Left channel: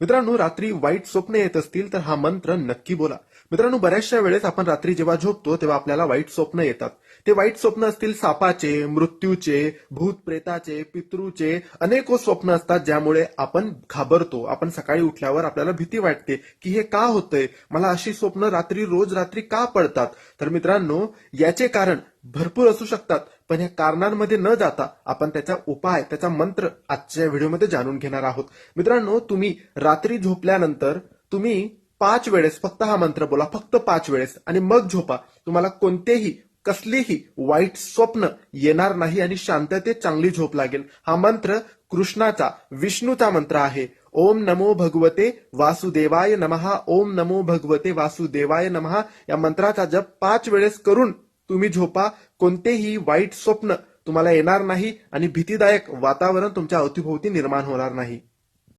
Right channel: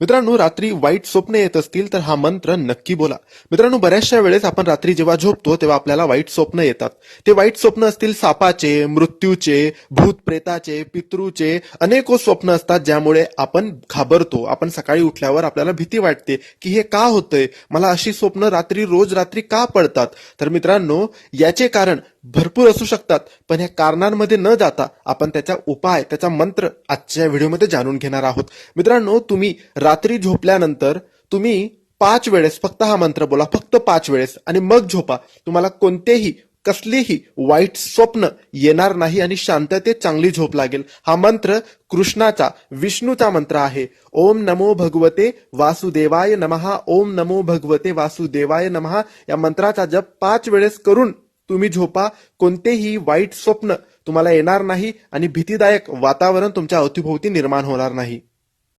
मित्रांनो, रात्री वाईट स्वप्न येत असतील तर हा मंत्र नक्की बोला. मित्रांनो, बऱ्याचशा वेळेस आपण रात्री जेव्हा झोपतो तेव्हा आपल्याला वाईट स्वप्न येतात. ते वाईट स्वप्न असतील सापाचे, मृत्यूचे, भूत प्रेताचे, पितृचे, अनेको स्वप्न असतात ज्यामुळे आपण घाबरतो. आपण सकाळी उठल्यावर आपल्याला भीती वाटते की हे का होतंय, मला अशी स्वप्न रोज रात्री का पडतात. तर मित्रांनो, याचे कारण भरपूर असू शकतात, पण या कारणांमध्ये न जाता आपण त्याचा उपाय, त्याचा मंत्र आजच्या व्हिडिओमध्ये जाणून घेणार आहोत. मित्रांनो, तुम्ही रात्री झोपल्यानंतर तुम्ही 5 वेळेस फक्त हा मंत्र बोला, फक्त 5 वेळेस, आणि मग झोपा. तुम्हाला कसलीही वाईट स्वप्न येणार नाही आणि शांततेत चांगली झोप लागेल. हा मंत्र कृष्णाचा, विष्णूचा मंत्र आहे. ओम नमो भगवते वासुदेवाय नमः, ओम नमो भगवते वासुदेवाय नमः. या मंत्राचा जप 5 वेळेस करून तुम्ही झोपा. कोणतेही वाईट स्वप्न तुम्हाला येणार नाही आणि भीतीदायक वातावरण तुमच्या अवतीभोवती निर्माण होणार नाही.